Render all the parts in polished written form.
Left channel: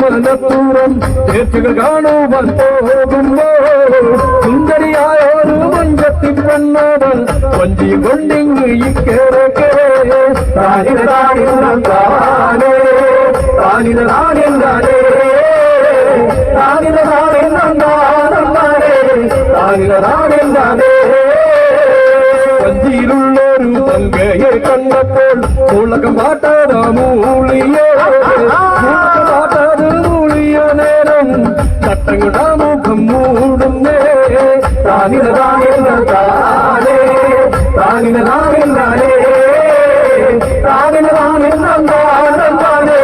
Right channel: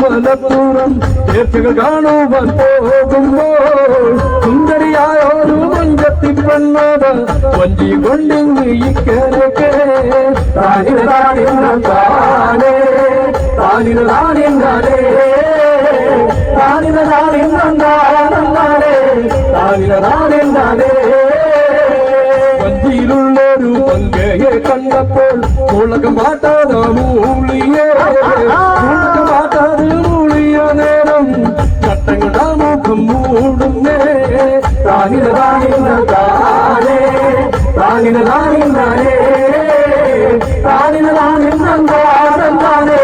മലപ്പുറം ചേർച്ചകൾ കാണുവാൻ പോകുമ്പോ സുന്ദരിയായൊരു നെഞ്ചത്തിൽ പെണ്ണത് കൊഞ്ചി കൊണ്ടിങ്ങ് ഇക്കരക്കെ താനിനെ താനിന്നാനേ താനിനെ താനിന്നാനേ താനിനെ താനിന്നാനേ താനിനെ താനിന്നാനേ വഞ്ചിയിലുള്ളൊരു തങ്കയെ കണ്ടപ്പോൾ ഉളകം മാറ്റാതെ മൂളിയെ മാറ്റാതെ മൂളിയ നേരം ചട്ടങ്ങളുടെ മുഖം മൂടുന്നേ താനിനെ താനിന്നാനേ താനിനെ താനിന്നാനേ താനിനെ താനിന്നാനേ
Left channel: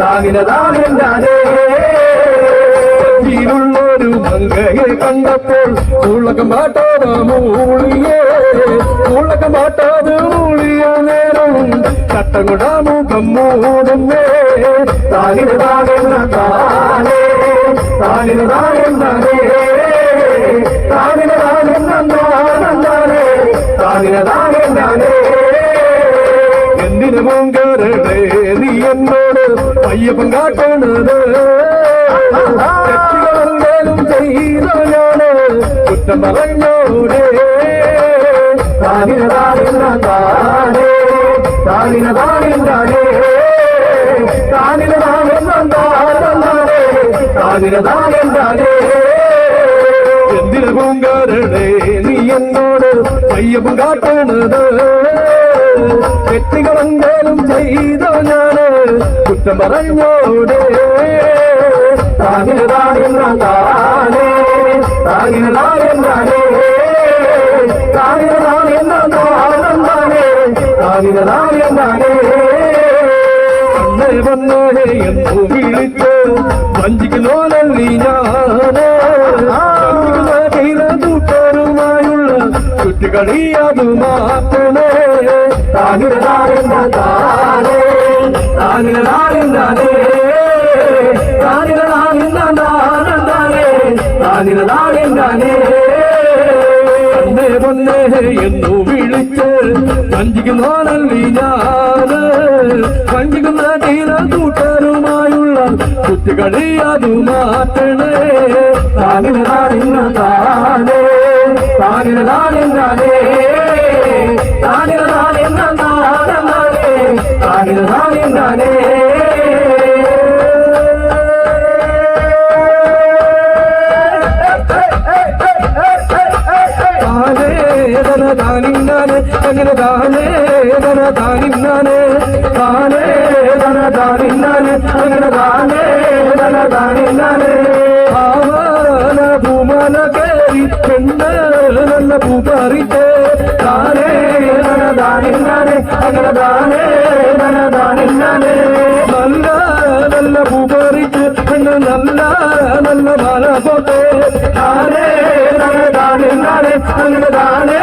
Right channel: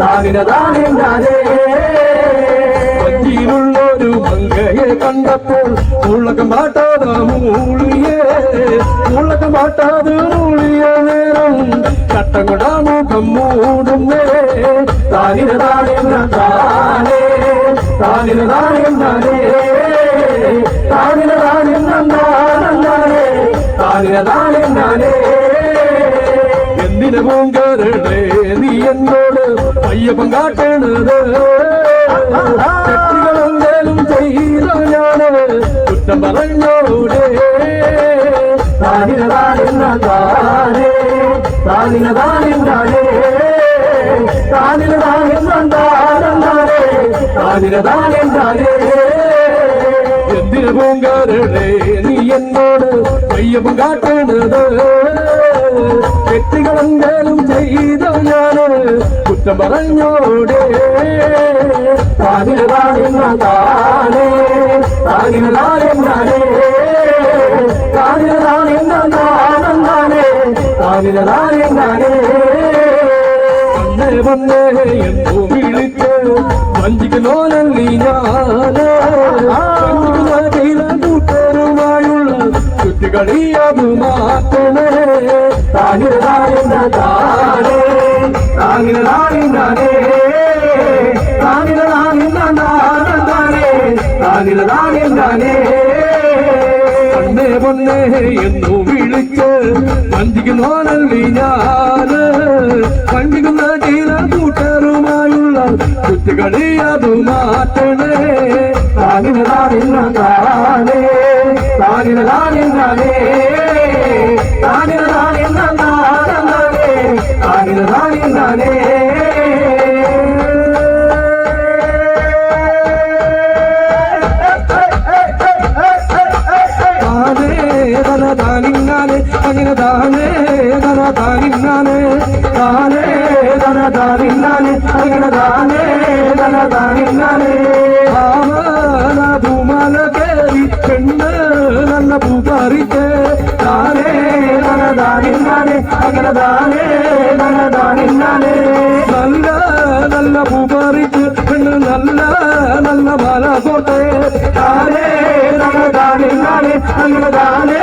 താനിനെ താനിന്നാനേ വഞ്ചിയിലുള്ളൊരു തങ്കയെ കണ്ടപ്പോൾ ഉളകം മാറ്റാതെ മൂളിയെ ഉള്ളക മാറ്റാതെ മൂളിയ നേരം ചട്ടങ്ങളുടെ മുഖം മൂടുന്നേ താനിനെ താനിന്നാനേ താനിനെ താനിന്നാനേ താനിനെ താനിന്നാനേ താനിനെ താനിന്നാനേ എന്തിനു മൂങ്കരുടെ നീ എന്നോട് അയ്യപ്പൻ കാട്ടണത് തെറ്റുകളെന്തേലും ചെയ്ത ഞാന് കുറ്റം പറഞ്ഞോടേ താനിനെ താനിന്നാനേ താനിനെ താനിന്നാനേ താനിനെ താനിന്നാനേ താനിനെ താനിന്നാനേ എന്തിനു പൂങ്കാരടെ നീ എന്നോട് അയ്യപ്പൻ കാട്ടണത് തെറ്റുകളെന്തേലും ചെയ്ത ഞാന് കുറ്റം പറഞ്ഞോടേ താനിനെ താനിന്നാനേ താനിനെ താനിന്നാനേ അന്നേ വന്നേ എന്നു വിളിച്ച് വഞ്ചിക്കുന്നോനല്ലി ഞാന് വഞ്ചിക്കുന്ന ചെയ്ത കൂട്ടരുമായുള്ള കുറ്റികളി അത് മാറ്റണേ താനിനെ താനിന്നാനേ താനിനെ താനിന്നാനേ താനിനെ താനിന്നാനേ താനിനെ താനിന്നാനേ അന്നേ വന്നേ എന്നു വിളിച്ച് വഞ്ചിക്കുന്നോനല്ലി ഞാന് വഞ്ചിക്കുന്ന ചെയ്ത കൂട്ടരുമായുള്ള കുറ്റികളി അത് മാറ്റണേ താനിനെ താനിന്നാനേ താനിനെ താനിന്നാനേ താനിനെ താനിന്നാനേ താനിനെ താനിന്നാനേ അങ്ങനെ താനേ ധന താനിന്നാനേ താനേ ധന താനിന്നാനേ അങ്ങനെ താനേ ധന താനിന്നാനേ ആവന ഭൂമന കേറി പെണ്ണ് നല്ല പൂപ്പറിത്ത് താനേ ധന താനിന്നാനേ അങ്ങനെ താനേ ധന താനിന്നാനേ നല്ല നല്ല പൂപ്പറിത്ത് പെണ്ണ് നല്ല നല്ല മല പോട്ടെ താനേ ധന താനിന്നാനേ അങ്ങനെ താനേ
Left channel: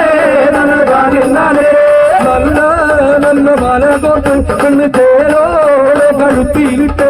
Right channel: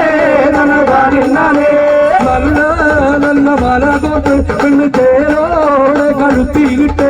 നല്ല നല്ല മല തൊട്ട് പെണ്ണ് ചേരോടെ കഴുത്തിയിട്ടേ